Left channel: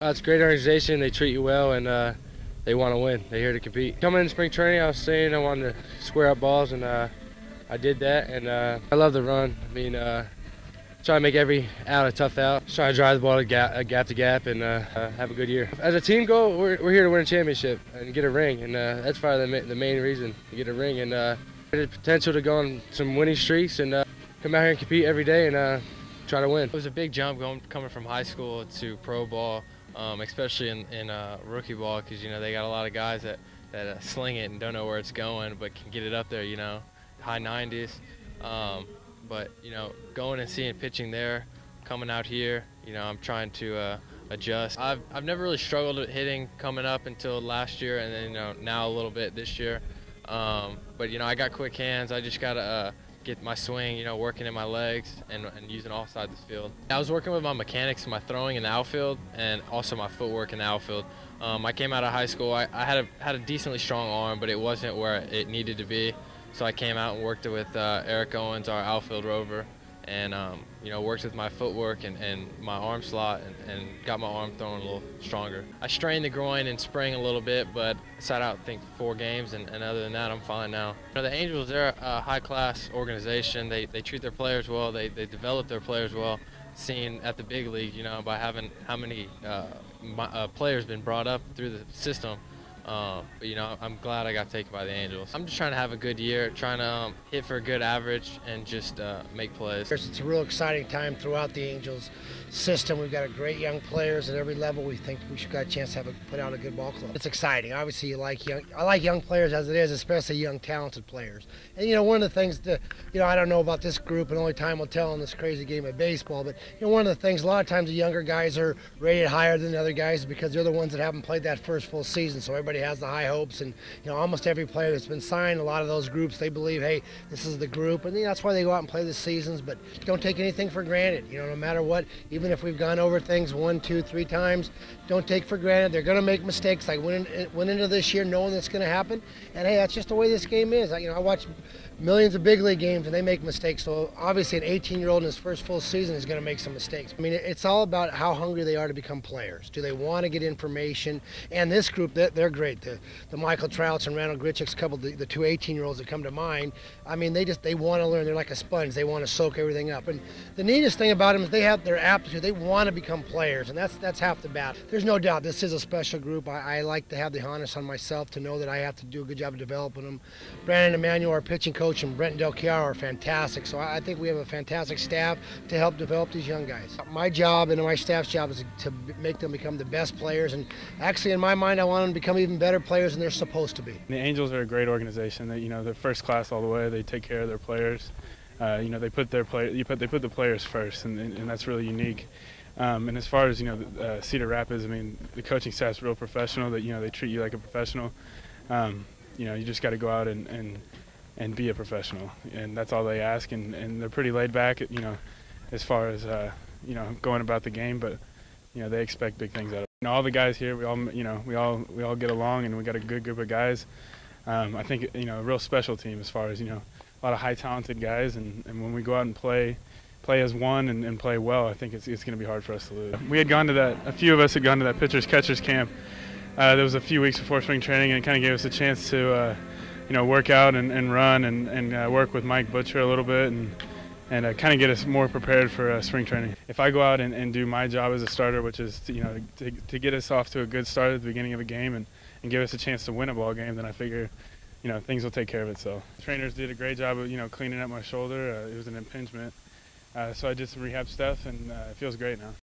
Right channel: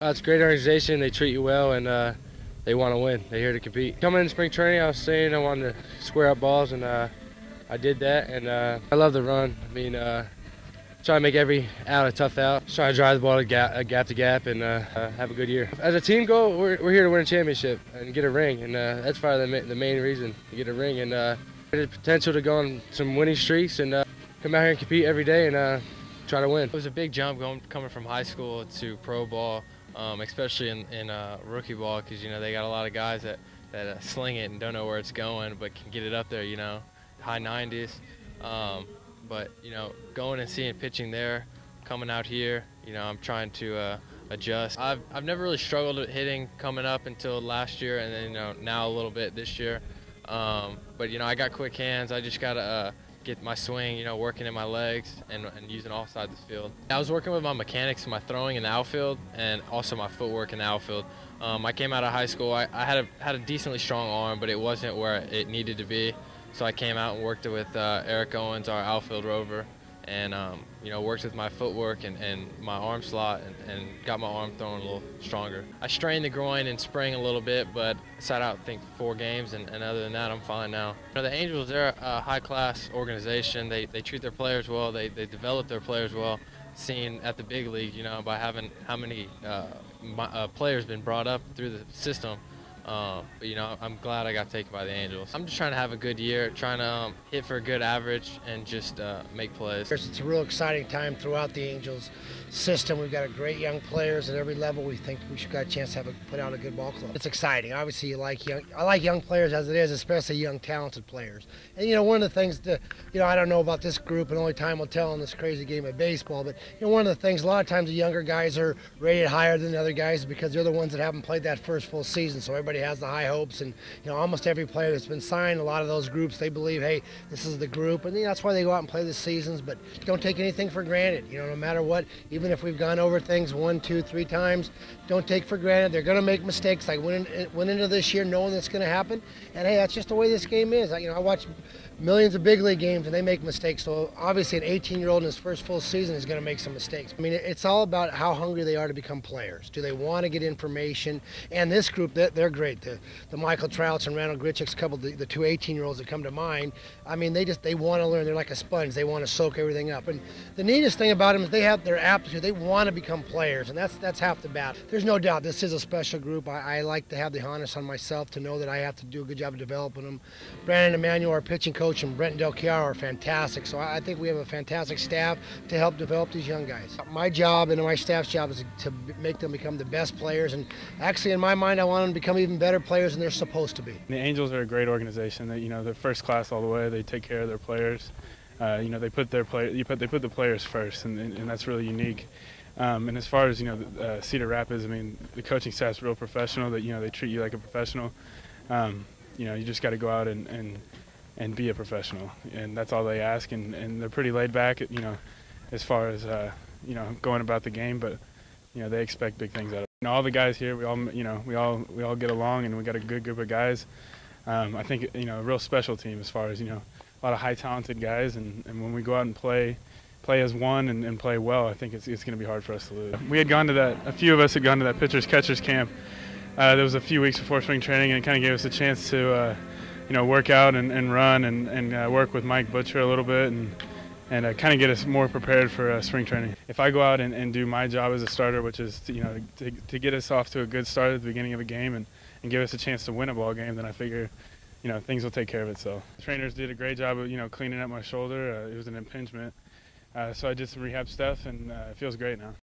It's a great organization. They treat you well, and they want to win. They're here to compete. Coming in spring training, I was saying I wanted to square up balls, and I did that. And I love the run. I mean, try to make every out a tough out. Just try to drive the ball to gap to gap, and have a good year. As a team goal, we're here to win a championship and get a ring, and that's probably the main reason to get a ring. And the potential to go on some winning streaks and come out here and compete every day and try to win. It was a big jump coming from high school to pro ball, especially in rookie ball, because they got a lot of guys that sling it and don't know where it's going, but can get it up there, high 90s. But going and seeing pitching there, coming out here, I'm trying to adjust. I've never really struggled with hitting coming up until last year, and then now a little bit this year. But I got quick hands. I just gotta get my swing, working in my legs and using all sides of the field. I was working with my mechanics, my throwing in the outfield, and also my footwork in the outfield. I came out of high school. I had a decently strong arm, but it wasn't where it needed to be. So I came out and worked with Eric Owens, our outfield rover, and worked with my footwork and my arm slot and got my arm throwing a little stronger. I strained the groin in spring a little bit, but sat out I think 4 games, and other than that I'm fine now. The Angels, they're a high-class organization. They treat their players well. They develop their players well. Seen at the big league, by having how many players been brought up through the system. But I'm glad I got taken by the Angels. I'm just trying to have a good year, trying to hit for a good average and just make plays. It's a real exciting time throughout the Angels system. We've got a great young players at every level. We think we should got a chance to put out a good ball club. It's exciting. Obviously, I like young players as it is, especially young talented players. And one of the things that I don't know about this group, and only time will tell in this crazy game of baseball. But one of the things, a lot of times the younger guys are rated higher than the other guys because they're the ones that haven't played that first full season. So everybody has the high hopes, and almost every player that's been signed, a lot of those groups, they believe, hey, this is the group, and that's why they go out and play the seasons. But don't take anything for granted. No matter what, even if we've gone over things 1, 2, 3 times, don't take for granted. They're going to make mistakes. I went into this year knowing that's going to happen, and hey, that's just the way this game is. I watch millions of big league games and they make mistakes. So obviously an 18-year-old in his first full season is going to make some mistakes. I mean, it's all about how hungry they are to become players. Do they want to get information? And this group, they're great. The Michael Trouts and Randall Grichuk's couple, the 2 18-year-olds that come to mind, I mean, they want to learn. They're like a sponge. They want to soak everything up. And the neatest thing about them is they have their aptitude. They want to become players, and that's half the battle. There's no doubt this is a special group. I like to have the honest on myself to know that I have to do a good job of developing them. Brandon Emanuel, our pitching coach, and Brenton Del Chiaro are fantastic. So I think we have a fantastic staff to help develop these young guys. My job and my staff's job is to make them become the best players. And actually, in my mind, I want them to become even better players than they're supposed to be. The Angels are a great organization. They're first class all the way. They take care of their players. They put the players first, and that's really unique. And as far as Cedar Rapids, I mean, the coaching staff's real professional. That they treat you like a professional. You just got to go out and be a professional, and that's all they ask. And they're pretty laid back, as far as going about the game. But they expect big things out of it. All the guys here, we all get along, and we got a good group of guys. I think a real special team as far as a lot of high talented guys, and when we go out and play as one and play well, I think it's going to be hard for us to lose. We had gone to that. A few of us had gone to that pitchers catchers camp. That was a few weeks before spring training, and it kind of gave us a chance to work out and run and work with Mike Butcher a little bit and kind of get us more prepared for spring training. If I go out and do my job as a starter, which is to get us off to a good start at the beginning of a game and give us a chance to win a ball game, then I figure things will take care of itself. The trainers did a great job of cleaning up my shoulder. It was an impingement, so I did some rehab stuff, and it feels great now.